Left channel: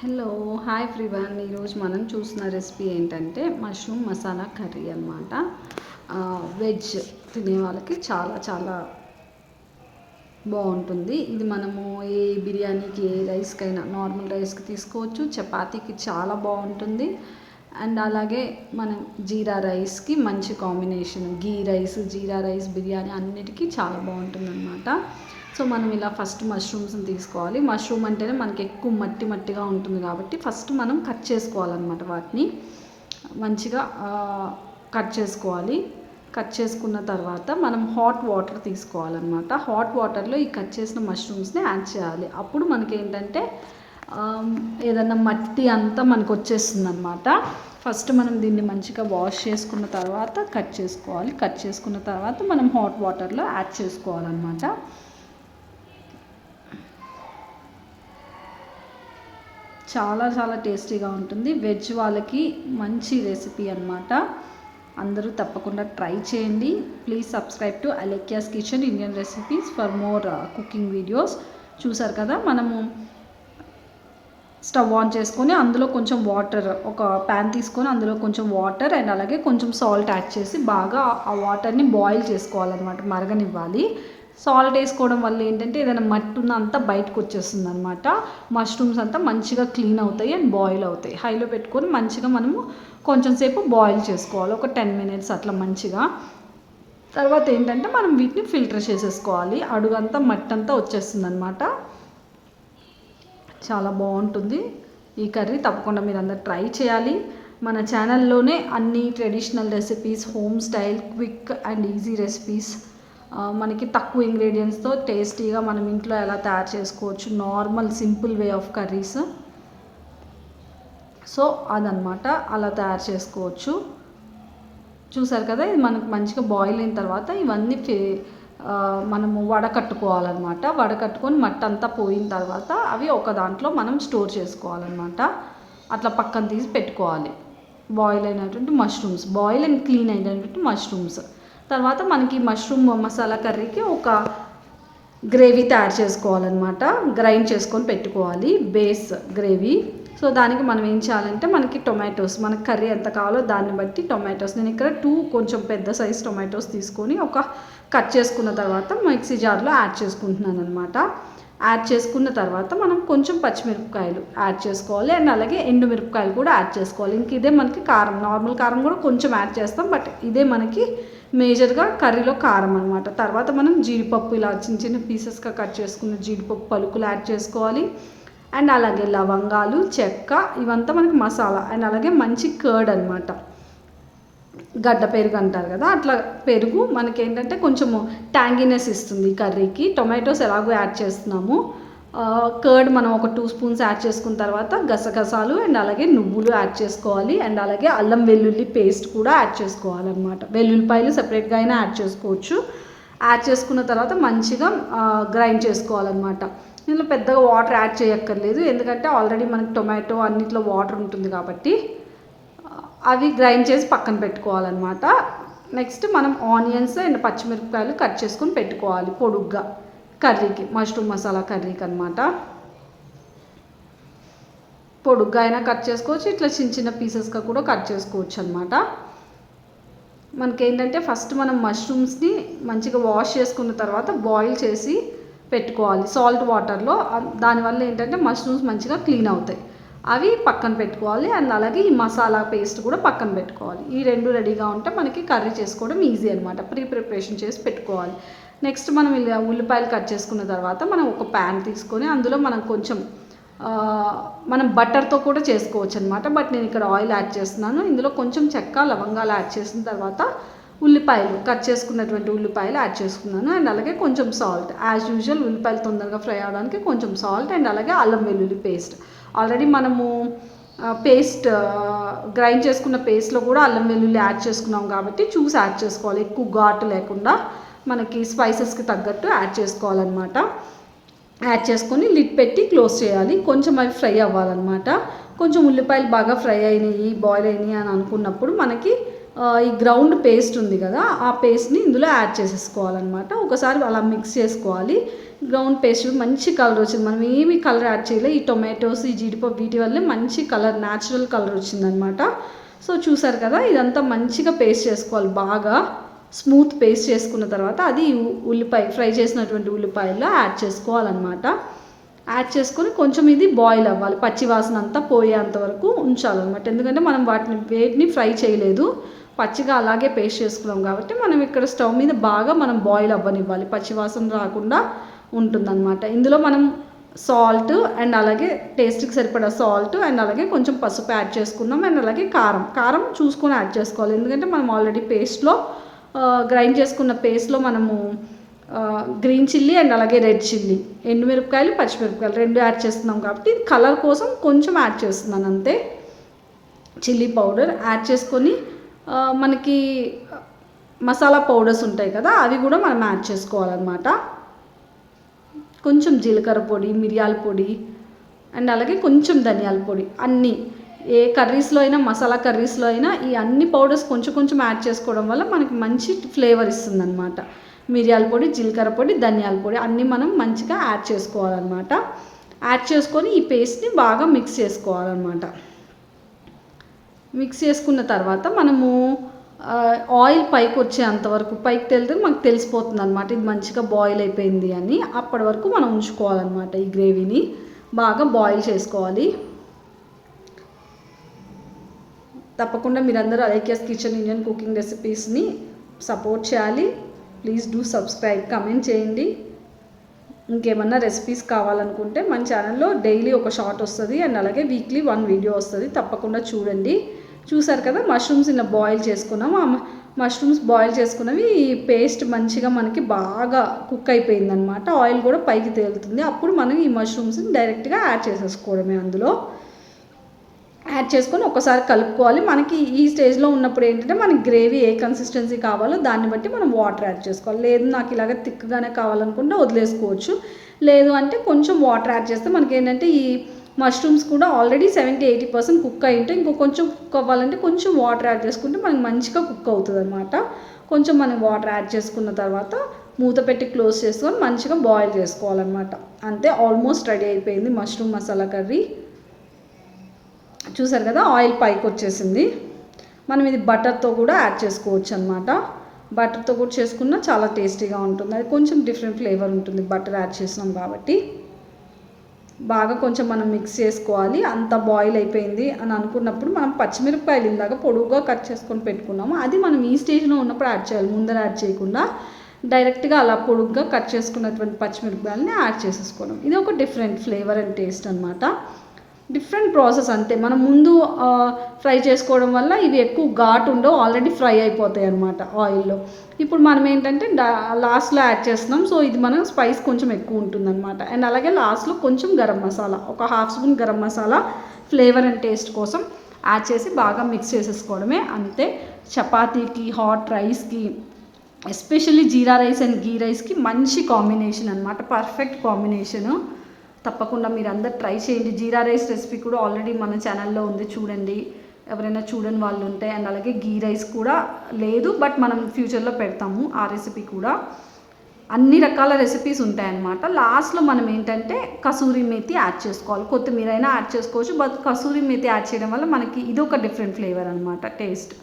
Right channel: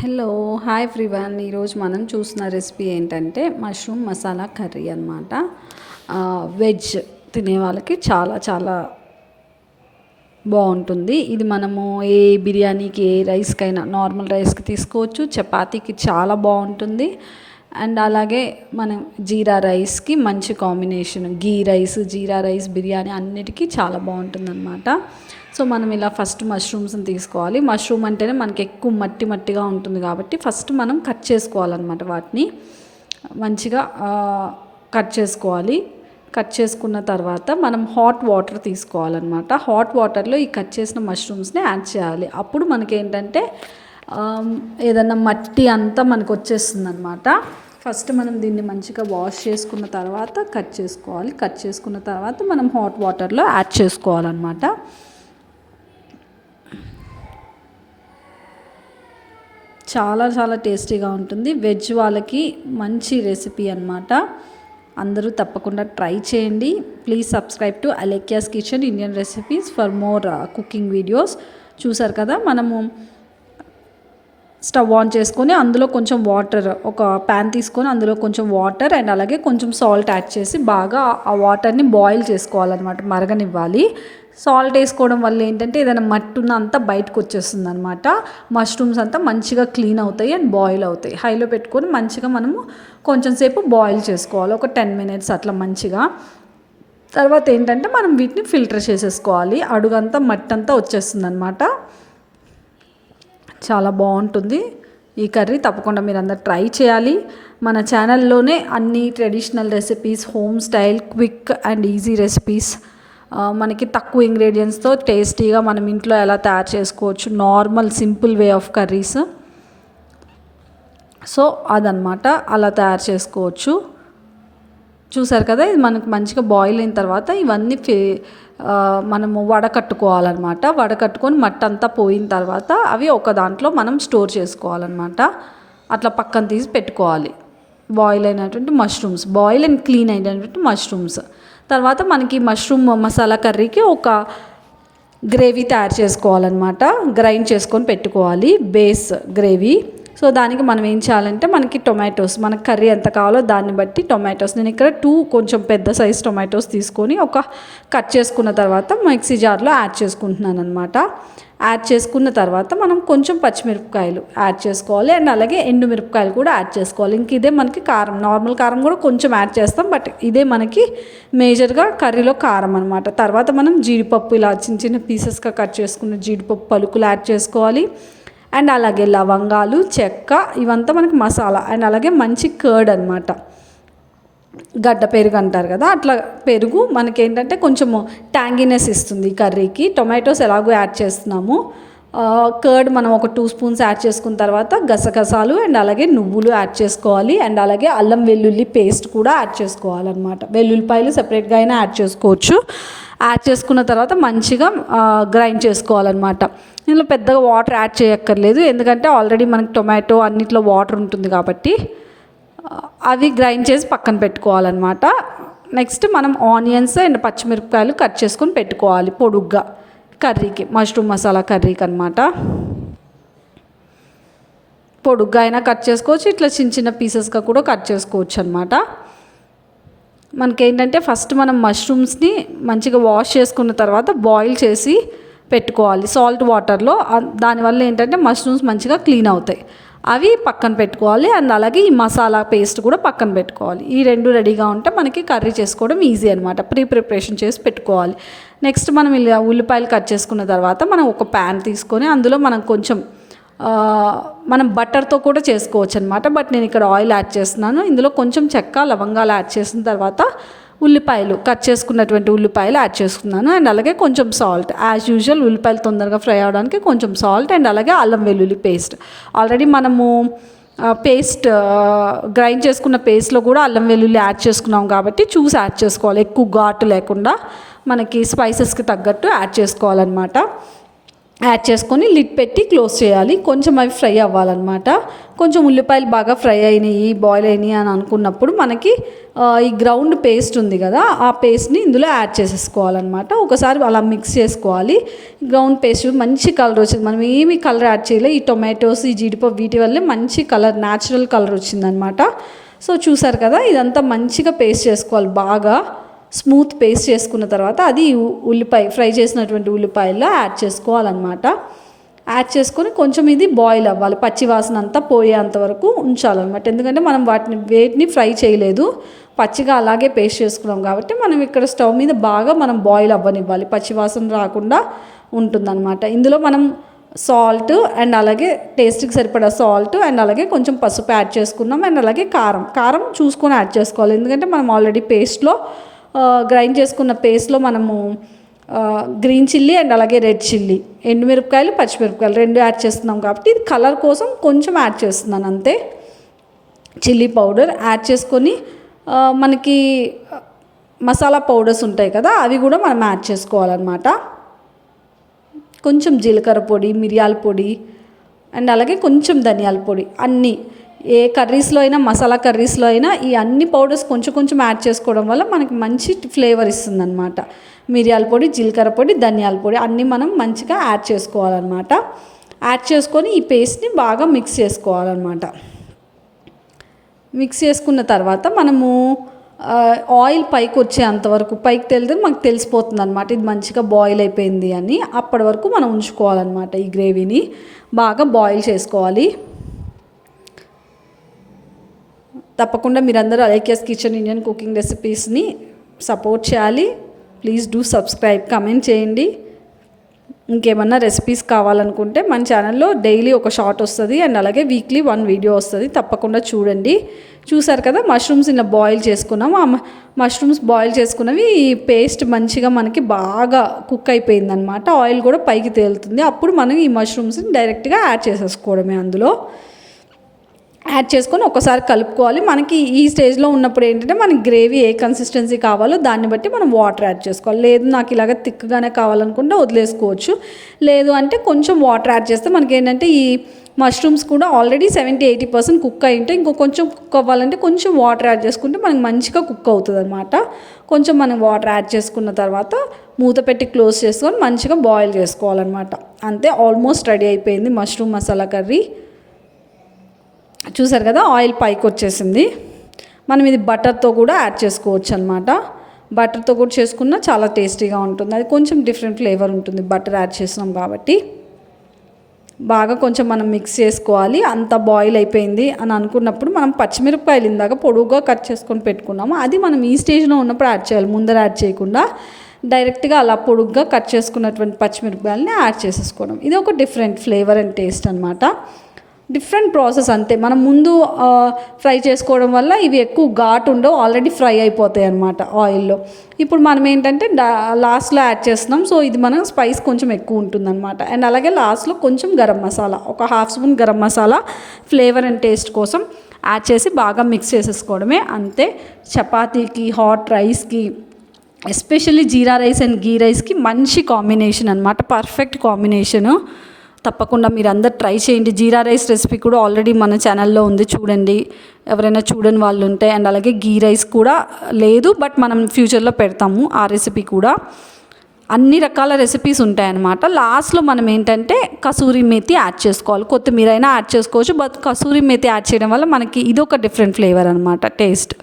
Hello hi everyone. ఈరోజు మనం చూసిన రెసిపీ ఏంటంటే మష్రూమ్ మసాలా కర్రీ అనమాట. వెజ్ తినే వాళ్ళకి చాలా చాలా బాగుంటుంది. ఇది మనము ఏ బిర్యానీకి ఏ రైస్కైనా నార్మల్ రైస్కి తీసుకోవచ్చు, చపాతీకి చాలా బాగుంటుంది. అండ్ అలాగే మనం జీరా రైస్కి మంచి కాంబినేషన్, గీ రైస్ జీరా రైస్ బిర్యానీ అన్నిటికీ చాలా బాగుంటుంది అనమాట. సో మనం ఇలా ఫస్ట్ మష్రూమ్స్ని తీసుకోవాలి. మష్రూమ్ అంటేనే మనకి ఎక్కువ మట్టి మట్టిగా ఉంటుంది కాబట్టి ఫస్ట్ మనం కట్ చేసుకోవాలన్నమాట. వాటిని మంచిగా కట్ చేసుకోవాలి. కట్ చేసుకున్న తర్వాత మనం హాట్ వాటర్ తీసుకోవాలన్నమాట. హాట్ వాటర్లో ఈ కట్ చేసిన మష్రూమ్స్ని యాడ్ చేయాలి. అప్పుడు మనకేంటంటే ఏదన్నా మట్టి అంతా మనకు వచ్చేస్తుంది అనమాట. ఫస్ట్ మనం దీన్ని మంచిగా వాష్ చేసుకున్న తర్వాత కట్ చేసుకోవాలి. కట్ చేసుకున్న తర్వాత మనం హాట్ వాటర్లో యాడ్ చేసుకోవాలన్నమాట. చాలా చాలా టేస్టీగా ఉంటుంది. వెజ్ వాళ్ళకి మంచి రెసిపీ అన్నమాట. అందరూ తప్పకుండా ట్రై చేయండి. Please subscribe to Alekhya's kitchen Indian recipes for more cooking videos. చూసారు కదా, మనము స్టవ్ ఆన్ చేసుకొని అందులో కొంచెం వాటర్, ఒక ప్యాన్ తీసుకొని అందులో కొంచెం వాటర్ అండ్ అలాగే కొంచెం సాల్ట్ యాడ్ చేసి బాగా ఆ వాటర్ని బాయిల్ చేసుకోవాలన్నమాట, మరగనివ్వాలి. సాల్ట్ వేసుకోవడం వల్ల ఏంటంటే ఏదైనా మట్టి ఉన్న అంతా బయటకు వచ్చేస్తుంది అనమాట. మష్రూమ్స్ అంతా మంచిగా క్లీన్ అవుతాయి అండ్ బాయిల్ అవుతాయి. హైలో పెట్టుకొని మంచిగా మనము కొంచెం సేపు బాయిల్ చేసుకోవాలి, ఒక 10 minutes అట్లా మంచిగా. తర్వాత ఏంటంటే మనం వీటిని ఫిల్టర్ చేసేసుకోవాలి. అడుగంతా మట్టి అంతా వచ్చేస్తుంది అనమాట. చాలా బాగుంటుంది ఈ కర్రీ. తప్పకుండా మీరు అందరు ట్రై చేయాలి. మన ఛానల్లోనే అన్ని traditional recipes, home style, quick and easy recipes, మనకి తక్కువ ఇంగ్రీడియంట్స్తో టేస్టీగా మనం ఇంట్లో ఎలా తయారు చేసుకోవచ్చు, normal simple way of curries. So అదనమాట, అలా తయారు చేసుకోవచ్చు. చూసారు కదా, ఇది మనకు మంచిగా బాయిల్ అయిన తర్వాత ఇవన్నీ మనము వడకట్టుకోవాలన్నమాట. వడకట్టుకొని మట్టి అంతా పోయిన తర్వాత అవి ఒక దాంట్లో మనం స్టోర్ చేసుకోవాలన్నమాట. అట్లా పక్కన తీసి పెట్టుకోవాలి. బాయిల్ అయినటువంటి మష్రూమ్స్, బాయిల్ అండ్ క్లీన్ అయినటువంటి మష్రూమ్స్. తర్వాత మనకి మష్రూమ్ మసాలా కర్రీకి ఒక గ్రేవీ తయారు చేసుకోవాలన్నమాట. గ్రైండ్ చేసుకొని పెట్టుకోవాలి, బేస్ గ్రేవీ. సో దానికి మనం ఏం చేయాలంటే మనకి టొమాటోస్, మనకి కర్రీ ఎంత కావాలో దాన్ని బట్టి టొమాటోస్, నేను ఇక్కడ 2 కొంచెం పెద్ద సైజ్ టొమాటోస్ తీసుకొని ఒక కట్ చేసుకున్న తర్వాత మిక్సీ జార్లో యాడ్ చేసుకుంటున్నాను అనమాట. యాడ్ చేసుకున్న తర్వాత మనం కొంచెం పచ్చిమిరపకాయలు యాడ్ చేసుకోవాలి అండ్ అలాగే ఎండుమిరపకాయలు కూడా యాడ్ చేసుకోవాలి. ఇంక ఇదే మనకి కారం, నార్మల్ కారం కూడా కొంచెం యాడ్ చేస్తాం, బట్ ఇదే మనకి మేజర్గా కర్రీలో కారం అనమాట. తర్వాత మనం జీడిపప్పు, ఇలా చిన్న చిన్న పీసెస్గా కట్ చేసుకున్న జీడిపప్పు పలుకులు యాడ్ చేసుకోవాలి. అండ్ అలాగే లవంగాలు, చెక్క, ఇవంతా మనకి మసాలా. అండ్ అలాగే మంచి కర్డ్ అనమాట, గడ్డ పెరుగు అంటారు కదా, అట్లా పెరుగు మనకేంటంటే కొంచెము ట్యాంగీనెస్ ఇస్తుంది కర్రీకి. టొమాటోస్ ఎలాగో యాడ్ చేస్తున్నాము. కర్డ్ మనం ఒక 2 స్పూన్స్ యాడ్ చేసుకున్న తర్వాత గసగసాలు అండ్ అలాగే నువ్వులు యాడ్ చేసుకోవాలి. అండ్ అలాగే అల్లం వెల్లుల్లి పేస్ట్ కూడా యాడ్ చేసుకోవాలన్నమాట. వెల్లుల్లిపాయలు సపరేట్గా అయినా యాడ్ చేసుకోవచ్చు. యాడ్ చేసుకున్న తర్వాత మంచిగా గ్రైండ్ చేసుకోవాలన్నమాట. ఇందులో పెద్దగా వాటర్ యాడ్ చేయక్కర్లేదు, ఎందుకంటే ఆల్రెడీ మనకి టొమాటో అన్నిట్లో వాటర్ ఉంటుంది కాబట్టి అవి గ్రైండ్ చేసి పక్కన పెట్టుకోవాలన్నమాట. నెక్స్ట్ మనం ఆనియన్స్ అండ్ పచ్చిమిరపకాయలు కట్ చేసుకొని పెట్టుకోవాలి పొడుగ్గా, కర్రీకి, మష్రూమ్ మసాలా కర్రీకి అనమాట. పొడుగ్గా అయినా కట్ చేసుకోవచ్చు, ఇట్లా చిన్న చిన్న పీసెస్గా కూడా కట్ చేసుకోవచ్చు అనమాట. మనకేంటంటే ఫస్ట్ మనం మష్రూమ్స్ని మంచిగా వాష్ చేసుకున్న తర్వాత బాయిల్ చేసి పెట్టుకోవాలి సాల్ట్ వాటర్లో. దానివల్ల ఏంటంటే మష్రూమ్స్ మంచిగా క్లీన్ అవుతాయి. అవి పక్కన పెట్టుకోవాలి. అండ్ అలాగే ఈ మసాలా పేస్ట్ కూడా పక్కన పెట్టుకోవాలి. ఈ 2 రెడీగా ఉంటే మనకి కర్రీ చేసుకోవడం ఈజీ అనమాట. ప్రిపరేషన్ చేసి పెట్టుకోవాలి. నెక్స్ట్ మనం ఇలా ఉల్లిపాయలు కట్ చేసుకున్న తర్వాత మనం ఒక ప్యాన్ తీసుకొని అందులో మనం కొంచెం మనం బటర్తో కూడా చేసుకోవచ్చు అనమాట, బట్ నేను ఇక్కడ ఆయిల్ యాడ్ చేస్తున్నాను. ఇందులో కొంచెం చెక్క, లవంగాలు యాడ్ చేసిన తర్వాత ఉల్లిపాయలు, కట్ చేసుకున్నటువంటి ఉల్లిపాయలు యాడ్ చేసుకున్నాను. అండ్ అలాగే కొంచెం సాల్ట్, యాజ్ యూజువల్ ఉల్లిపాయలు తొందరగా ఫ్రై అవడానికి కొంచెం సాల్ట్ అండ్ అలాగే అల్లం వెల్లుల్లి పేస్ట్. ఆల్రెడీ మనము పేస్ట్ గ్రైండ్ చేసుకున్న పేస్ట్లో కూడా అల్లం వెల్లుల్లి యాడ్ చేసుకున్నాం కాబట్టి చూసి యాడ్ చేసుకోవాలి. ఎక్కువ ఘాటు లేకుండా మనకి స్పైసెస్కి తగ్గట్టు యాడ్ చేసుకోవాలన్నమాట. యాడ్ చేసుకొని లిడ్ పెట్టి క్లోజ్ చేయాలి. కొంచెం అవి ఫ్రై అవ్వాలన్నమాట. కొంచెం ఉల్లిపాయలు బాగా ఫ్రై అయినాయి, బాయిల్ అయినాయి అని అనుకున్నప్పుడు మనకి ఈ గ్రౌండ్ పేస్ట్ ఉంది కదా, ఆ పేస్ట్ని ఇందులో యాడ్ చేసేసుకోవాలన్నమాట. ఒకసారి అలా మిక్స్ చేసుకోవాలి. గ్రౌండ్ పేస్ట్ మంచి కలర్ వచ్చింది. మనం ఏమి కలర్ యాడ్ చేయలేదు. ఈ టొమాటోస్, ఈ జీడిపప్పు వీటి వల్లే మంచి కలర్, న్యాచురల్ కలర్ వచ్చిందనమాట. సో చూసారు కదా, ఇదంతా మంచిగా పేస్ట్ చేసుకోవాలి. బాగా స్మూత్ పేస్ట్ చేసుకున్న తర్వాత అది ఉల్లిపాయ ఫ్రై చేసినటువంటి ఉల్లిపాయల్లో యాడ్ చేసుకోవాలన్నమాట. యాడ్ చేసుకొని కొంచెం ఇది బాయిల్ అవ్వాలి. పచ్చి వాసన అంతా పోయేంత వరకు ఉంచాలన్నమాట. ఎందుకంటే మనం వేటిని ఫ్రై చేయలేదు, పచ్చిగా అలాగే పేస్ట్ చేసుకున్నాం కాబట్టి మనం ఇక్కడ స్టవ్ మీద బాగా మనం బాయిల్ అవ్వనివ్వాలి. పచ్చి వాసన రాకుండా ఉంటుందన్నమాట. ఇందులో మనం సాల్ట్ అండ్ అలాగే టేస్ట్కి సరిపడా సాల్ట్ అండ్ అలాగే కొంచెం పసుపు యాడ్ చేసుకున్నాం. అండ్ అలాగే కారం చూసుకొని యాడ్ చేసుకోవాలి. ఎందుకంటే మనం ఆల్రెడీ పేస్ట్లో గ్రైండ్ చేసుకున్న పేస్ట్లో మనము గ్రీన్ చిల్లీ అండ్ అలాగే రెడ్ చిల్లీ, ఎండుమిరపకాయలు, పచ్చిమిరపకాయలు 2 యాడ్ చేస్తున్నాం కాబట్టి ఇది కలర్ కోసం కొంచెం యాడ్ చేస్తున్నాను అంతే. చిల్లీ పౌడర్ యాడ్ చేసుకొని మనకి మసాలా పౌడర్స్ ఉంటాయి కదా, అవి కూడా మనం యాడ్ చేసుకోవాలన్నమాట. కొంచెం జీలకర్ర పొడి, మిరియాల పొడి అండ్ అలాగే కొంచెం ధనియాల పొడి, అన్నీ ఏ కర్రీస్లో అయినా, మసాలా కర్రీస్లో అయినా ఈ అన్ని పౌడర్స్ కొంచెం కొంచెం యాడ్ చేసుకోవడం వల్ల మనకి మంచి ఫ్లేవర్ ఇస్తుందన్నమాట. మిరియాల పొడి, జీలకర్ర పొడి, ధనియాల పొడి అన్నీ మనం మంచిగా యాడ్ చేసుకోవాలన్నమాట. యాడ్ చేసుకొని ఈ పేస్ట్ని బాగా మిక్స్ చేసుకోవాలన్నమాట. మిక్స్ చేసుకున్న తర్వాత మనము ఆయిల్ పైకి వచ్చేంతవరకు, పైకి తెలితే మనకు తెలిసిపోతుంది అనమాట ఇది మంచిగా బాయిల్ అయిపోయింది అని. అప్పటి వరకు మనం ఉంచుకోవాలన్నమాట. ఈ గ్రేవీని బాగా బాయిల్ చేసుకోవాలి. తప్పకుండా మీరందరూ అలేఖ్యాస్ కిచెన్ ఇండియన్ కుకింగ్ రెసిపీస్ని సపోర్ట్ చేయాలి. ప్లీజ్ డూ సబ్స్క్రైబ్, కమెంట్ చేయండి. ఇంకేమన్నా రెసిపీస్ కావాలనుకుంటే మన ఛానల్లో డైలీ ఒక షార్ట్ వస్తుంది అండ్ అలాగే వీక్లీ 1 వీడియో వస్తుంది. తప్పకుండా చూడండి. చూసారు కదా, మష్రూమ్స్ ఇలా బాయిల్ చేసుకున్నాం. ఆ మష్రూమ్స్ బాయిల్ చేసుకున్నవి ఈ పేస్ట్ మంచిగా మనకి బాగా కుక్ అయిపోయిందనమాట. ఆయిల్ కూడా పైకి తేలుతుంది. అప్పుడు మనం ఈ మష్రూమ్స్ని డైరెక్ట్గా యాడ్ చేసేసుకోవడమే. అందులో యాడ్ చేసుకొని ఒకసారి కలుపుకోవాలి. మనకి ఈ స్టేజ్లో ఉన్నప్పుడు ఏంటంటే మనకి గ్రేవీ ఏ కన్సిస్టెన్సీ కావాలో దాన్ని బట్టి మనం వాటర్ యాడ్ చేసుకోవాలి. లేదు నాకు ఇలాగ థిక్గానే కావాలనుకుంటే వదిలేసుకోవచ్చు. లేదు అంటే కొంచెం వాటర్ యాడ్ చేస్తే మనకి ఏంటంటే ఈ మష్రూమ్స్ కూడా ఆల్రెడీ 70-80% కుక్ అయి ఉంటే ఇంకో కొంచెం కుక్ అవ్వాలంటే కొంచెం వాటర్ యాడ్ చేసుకుంటే మనకి మంచిగా కుక్ అవుతుంది అనమాట. కొంచెం మనం వాటర్ యాడ్ చేసుకున్న తర్వాత మూత పెట్టి క్లోజ్ చేసుకొని మంచిగా బాయిల్ చేసుకోవాలన్నమాట. అంతే, ఆల్మోస్ట్ రెడీ అయిపోయింది మష్రూమ్ మసాలా కర్రీ. చూసారు కదా, ఆయిల్ పైకి వచ్చేసింది. మనం ఇది బటర్తో కూడా యాడ్ చేసుకోవచ్చు అనమాట. బటర్తో కూడా చేసుకున్నా చాలా టేస్టీగా ఉంటుంది. అది కొంచెం డిఫరెంట్ ఫ్లేవర్ ఉంటుంది బటర్ యాడ్ చేసినాం కాబట్టి. బాగా కొంచెం మనం మిక్స్ చేసుకోవాలి. అంతా బాయిల్ అయిపోయింది అని అనుకున్నప్పుడు మనం పచ్చిమిరపకాయలు ఇందాక పొడుగుగా కట్ చేసుకొని పెట్టుకున్నాము, అది మనం ఈ స్టేజ్లో ఉన్నప్పుడు యాడ్ చేయాలి. ముందర యాడ్ చేయకుండా డైరెక్ట్గా అలా పొడుగ్గా కట్ చేసుకున్నటువంటి పచ్చిమిరపకాయలని యాడ్ చేసేసుకోవడం. ఇది ఒక డిఫరెంట్ ఫ్లేవర్ అండ్ టేస్ట్ అనమాట. డిఫరెంట్ ప్రాసెస్ అంతే. మనం ముందు ఫ్రై చేసుకోవడం వల్ల ఇవి ఎక్కువ ఘాటు ఉండవు, ఆల్రెడీ ఫ్రై అయిపోతాయి అన్నమాట ఆయిల్లో. ఇప్పుడు మనం ఏంటంటే లాస్ట్లో యాడ్ చేస్తున్నాం. సో ఇది మనం స్పైస్ కొంచెం ఎక్కువ ఉంటుందన్నమాట. అండ్ అలాగే లాస్ట్లో కొంచెం గరం మసాలా, ఒక 1/2 spoon garam masala flavour and taste కోసం యాడ్ చేసి బాగా మిక్స్ చేసేసుకోవడమే. అంతే. చపాతీకి, హాట్ రైస్కి, ఎస్పెషల్లీ జీరా రైస్ అండ్ గీ రైస్కి మంచి కాంబినేషన్ అనమాట. Perfect combination. తప్పకుండా మీరు అందరు ట్రై చేయండి. జీరా రైస్ రెసిపీ కూడా ఆల్రెడీ మన ఛానల్లో ఉంది, చూడండి ఎవరైనా చూడని వాళ్ళు ఉంటే. అండ్ అలాగే గీ రైస్ కూడా లేదు, బట్ మనం ఫ్యూచర్లో పెడతాము ఆ రెసిపీ కూడా. అన్ని రకాల రెసిపీస్ ఉంటాయన్నమాట. లాస్ట్లో మనం ఏంటంటే కసూరి మేతి యాడ్ చేసుకోవాలి. కొత్తిమీర అయినా యాడ్ చేసుకోవచ్చు, బట్ కసూరి మేతి యాడ్ చేయడం వల్ల మనకి ఇది ఒక డిఫరెంట్ ఫ్లేవర్ అనమాట. టేస్ట్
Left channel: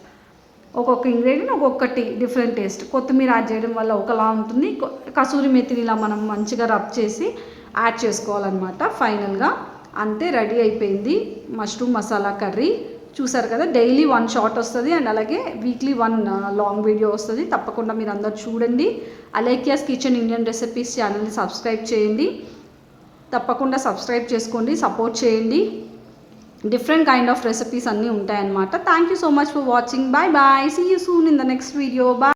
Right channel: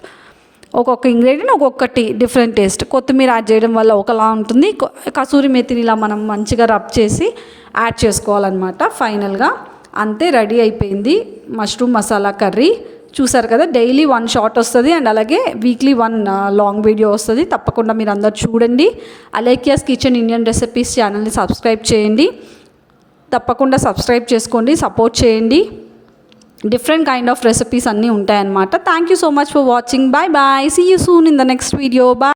ఒక్కొక్క ఇంగ్రీడియంట్ ఒక్కొక్కటి డిఫరెంట్ టేస్ట్. కొత్తిమీర యాడ్ చేయడం వల్ల ఒకలా ఉంటుంది, కసూరి మేతిని ఇలా మనం మంచిగా రబ్ చేసి యాడ్ చేసుకోవాలన్నమాట. ఫైనల్గా అంతే, రెడీ అయిపోయింది మష్రూమ్ మసాలా కర్రీ. చూసారు కదా, డైలీ 1 షార్ట్ వస్తుంది అండ్ అలాగే వీక్లీ 1 లాంగ్ వీడియో వస్తుంది. తప్పకుండా మీరు అందరు చూడండి. అలేఖ్యాస్ కిచెన్ ఇండియన్ రెసిపీస్ ఛానల్ని సబ్స్క్రైబ్ చేయండి. తప్పకుండా సబ్స్క్రైబ్ చేసుకోండి, సపోర్ట్ చేయండి. డిఫరెంట్ కైండ్ ఆఫ్ రెసిపీస్ అన్నీ ఉంటాయన్నమాట. Thank you so much for watching. Bye bye. See you soon in the next video. Bye.